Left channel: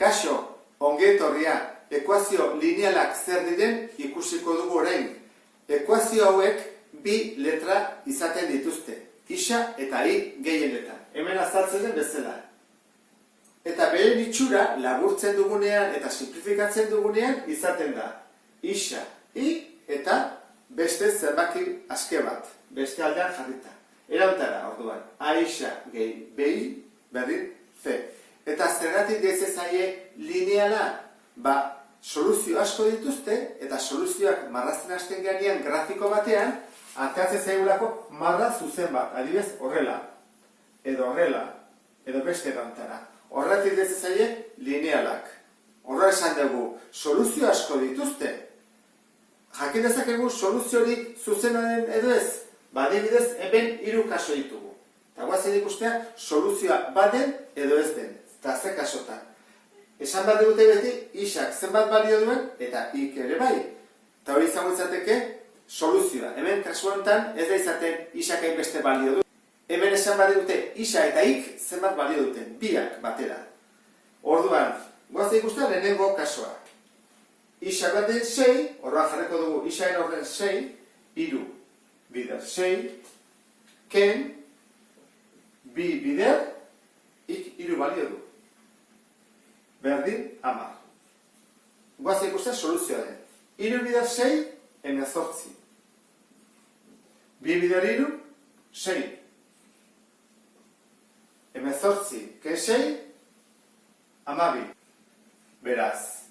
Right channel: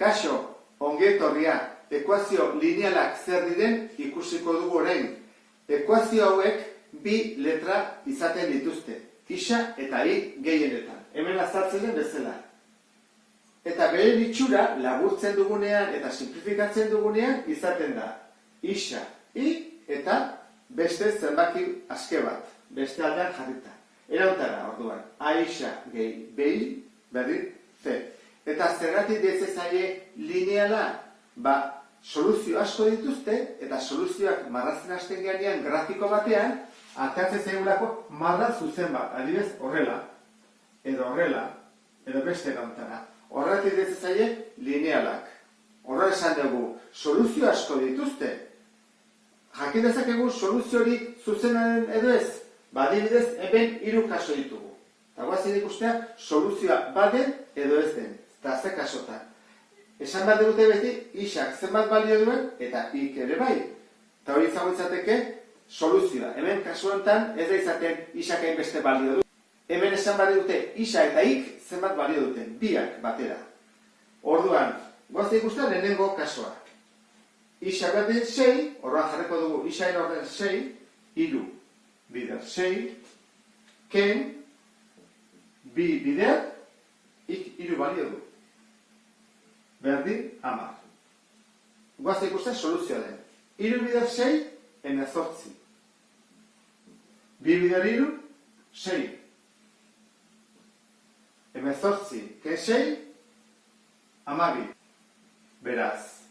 Kaixo, ongi etorria, ekuazio linealak zer diren ikusiko dugu orain. Ekuazio hauek bi letra izaten dituzte, isa eta i gehienetan. Hemen azaltzen den bezala. Eta bere itxura laburtzen dugunean eta simplifikatzen dugunean izaten da. Isa, i eta beste zenbaki aske bat, beste aldean jarrita. Erauntara, orduan, a isa gehi behi, berri, c. Eta zergatik dezezaie lineala, soluzio asko dituzte, eta soluzioak marrazten hasten ganean grafiko batean, atatzen zaigulako marra zuzen bat, adibidez horrela, edo beste erauntara. Horretik dezezaie linealak. Horra esan dugu, soluzio asko dituzte. Jakin dezakegu soluzio hori zuzenaren edo ez, adibidez hemen 3 kaso ditugu. Eta guazen ikustea soluzioa baden edo ez den. Eta ze kasotan. Esan bat dute beti, isak zenbat balio duen, eta ik ere bai. Eta hori izango izateke soluzioa. Hemen kasu honetan ez da izaten isak hainbeste balio du. Hemen esan bat dute isa eta ik zenbat balio duten, biak batera. Orduan, guazen ikustea lehenengo kasoak. Isa bat den 6, horrean jarriko dugu isa erorden 6, 3 bider 6, ken, bi bider, ik 3 balio du. Berdin, 10. Guazen ikustea soluzioa den. 3 bider 6, 18. 2 bider 3, 6. 18, ken 6, 12. Beraz,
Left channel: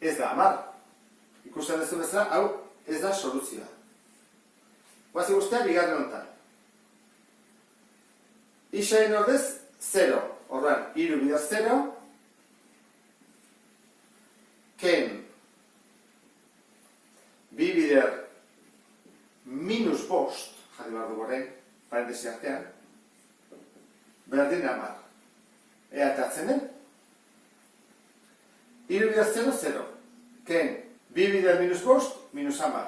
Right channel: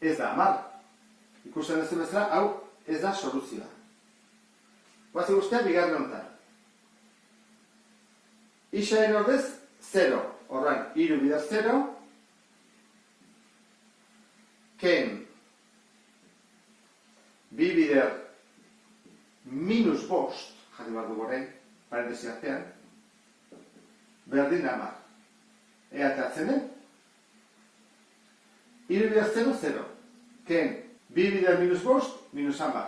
ez da 10. Ikusten duzu bezala, hau ez da soluzioa. Guazen ikustea bigarren honetan. Isaren ordez 0. Horrean, 3 bider 0. Ken, bi bider minus bost, jarri behar dugu orain, parentesi artean, berdin 10. Ea atatzen den? 3 bider 0, 0. Ken, bi bider minus bost, minus 10.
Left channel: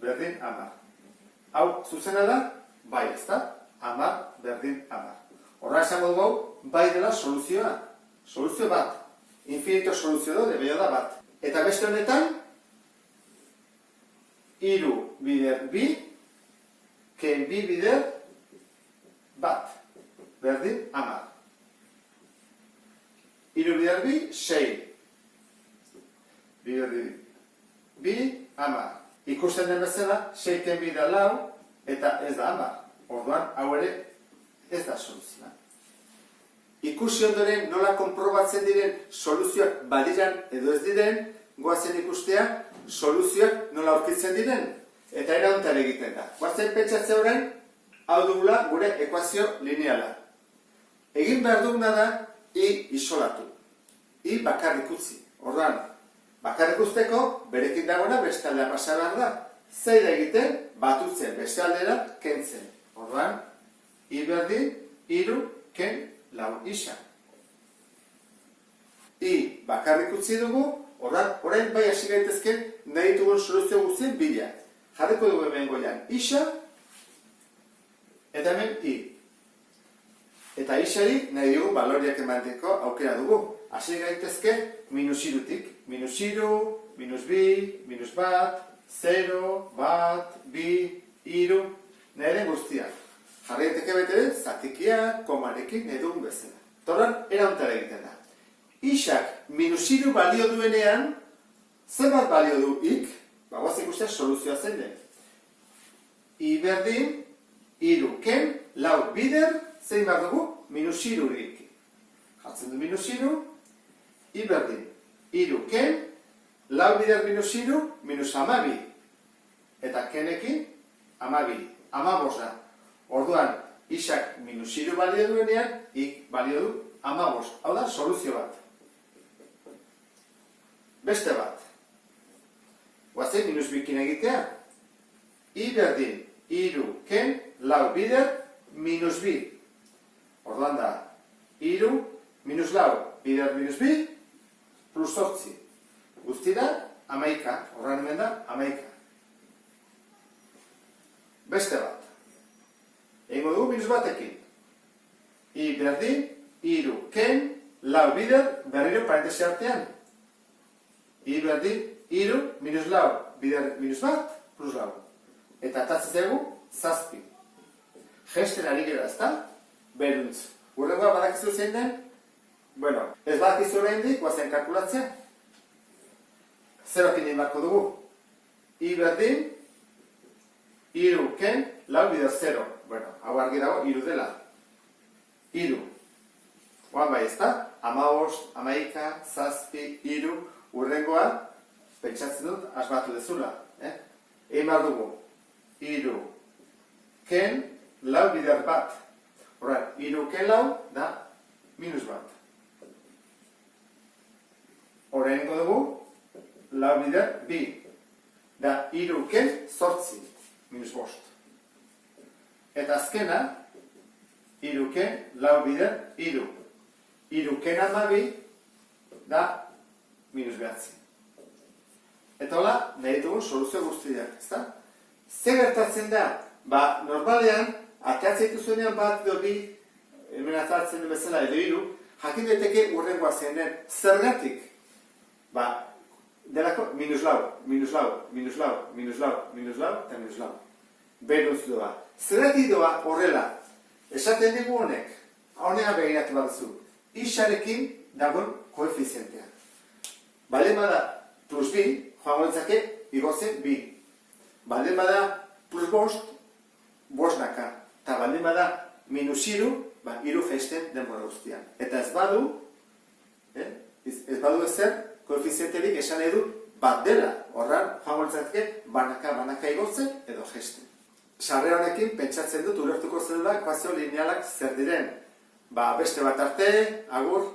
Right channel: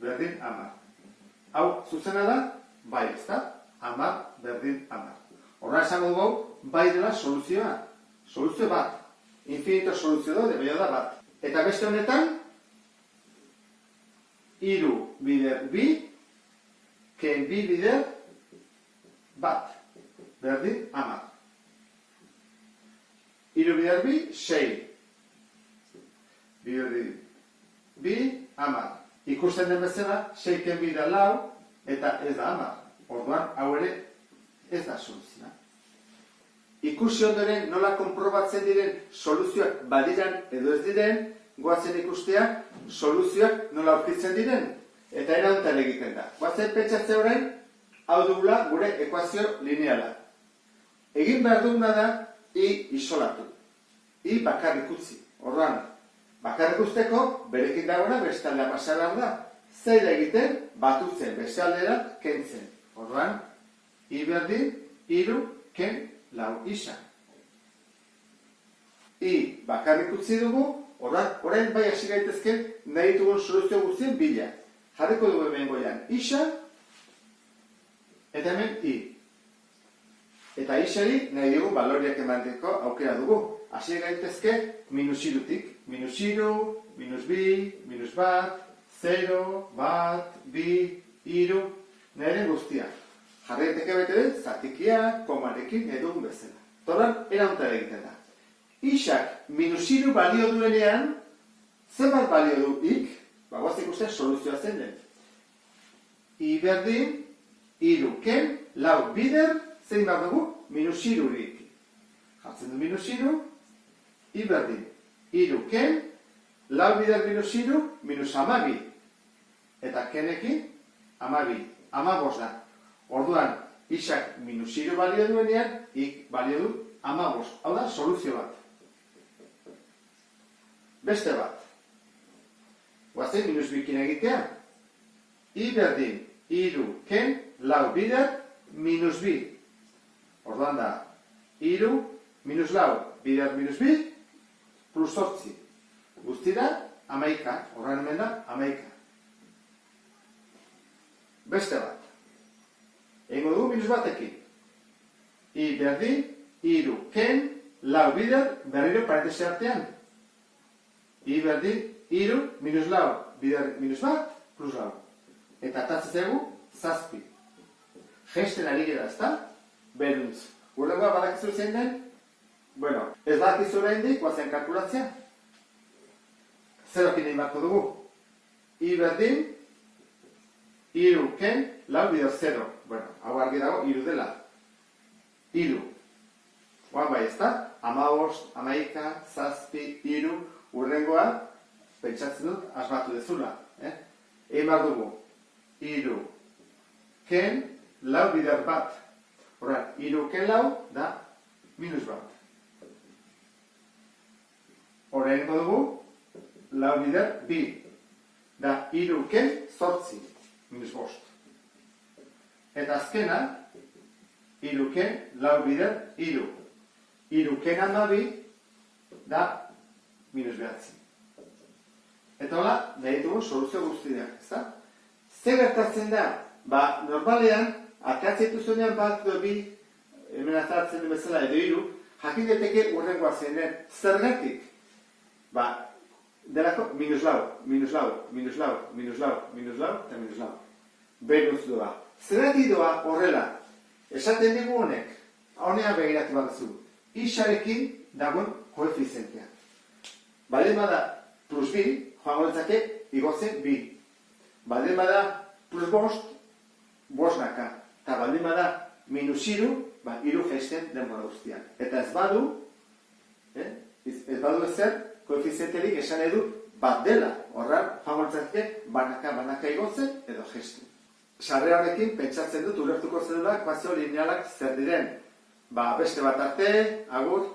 Berdin 10. Hau, zuzena da? Bai, ez da? 10, berdin 10. Horra esango dugu, bai dela soluzioa. Soluzio bat. Infinito soluzio dode, bello da bat. Eta beste honetan, 3 bider bi, ken bi bider bat. Berdin 10. 3 bider bi, 6. Bider bi, 10. Ikusten den bezala, 6 ken bider 4, eta ez da 10. Orduan, hau ere ez da soluzioa. Ikusi ondoren nola konprobatzen diren soluzioak badiran edo ez diren, goazen ikustea soluzioak nola aurkitzen diren. Eta erauntara egiten da. Goazen pentsatzea orain, hau dugula gure ekuazio lineala. Egin behar duguna da, i isolatu. I bakarrik utzi. Orduan, bakarrik uzteko, berekin dagoena beste aldea pasa behar da. Zer egiten, batutzen, beste aldera, kentzen. Orduan, i berdin, 3, ken, 4 isa. I bakarrik utzi dugu, orain bai hasi gaitezken nahi ditugun soluzio guztien bila. Jarriko dugu hemen goian isa, eta hemen i. Eta isari nahi dugu baloriak emateko aukera dugu. Hasi gaitezke minus 3-tik. Minus 3, minus bi, minus bat, 0, bat, bi, 3, nahi den guztiak. Jarraiteke bete den, zatikia, komarekin edugun bezala. Torran, erauntara egiten da. Isak minus 3 balio duenean, zenbat balio du ik? Guazen ikustea soluzioa zen den. I berdin, 3 ken, 4 bider, zein behar dugu? Minus 3 ik. Jartzen du minus 3, i berdin, 3 ken, 4 bider minus 3, minus 12. Eta kenekin, 12. 15 da. Orduan, isak minus 3 balio duenean, ik balio du 15. Hau da, soluzio bat. Beste bat. Guazen minus bikin egitea. I berdin, 3 ken, 4 bider, minus bi. Orduan da, 3, minus 4, bider minus bi, plus 8. Guztira, 11. Horren hemen da, 11. Beste bat. Egingo dugu minus batekin. I berdin, 3 ken, lau bider berriro parentesi artean. I berdin, iru, minus lau, bider minus bat, plus lau. Eta atatzen zegu, zazpi. Gesten ari gara, ezta? Beruntz. Urrengoa badakizu zein den? Bueno, ez badakizu oraindik, guazen kalkulatzea. Zerokin egin barko dugu. I berdin, iru, ken, lau bider zero. Bueno, hau argi dago, iru dela. Iru. Oan bai, ezta? 15, 11, zazpi, iru, urrengoa, pentsatzen dut, asmatu dezula. Egin behar dugu. Iru, ken, lau bider bat. Horren, iru ken lau da minus bat. Horrengo dugu, lau bider bi. Da iru ken zortzi, minus bost. Eta azkena, iru ken lau bider iru. Iru ken amabi da minus behatzi. Eta hola, nahi dugu soluzio guztiak, ezta? Zer gertatzen da? Ba, normalean, ateatzen dituzuenean bat edo bi, hemen azaltzen bezala edo hiru, jakin daiteke urrengoa zen den. Zergatik? Ba, delako minus lau, minus lau, minus lau, minus lau, minus lau, eta minus lau. Beruz doa. Zergatik doa horrela? Esaten dugu honek, honega begiratu bat zu. Isarekin dagoen koefizientea. Baldin bada plus bi, joango litzake igotzen bi. Baldin bada plus bost, bosnaka. Eta baldin bada minus iru, iru geisten denbora guztian. Eta ez badu, ez badu ezer, koefizienterik esan edu bat dela. Horran, joango litzake banaka igotzen edo geisten. Sarrera honekin pentsatzen dut ulertuko zelula ekuazio linealak zer diren. Beste bat arte, agur.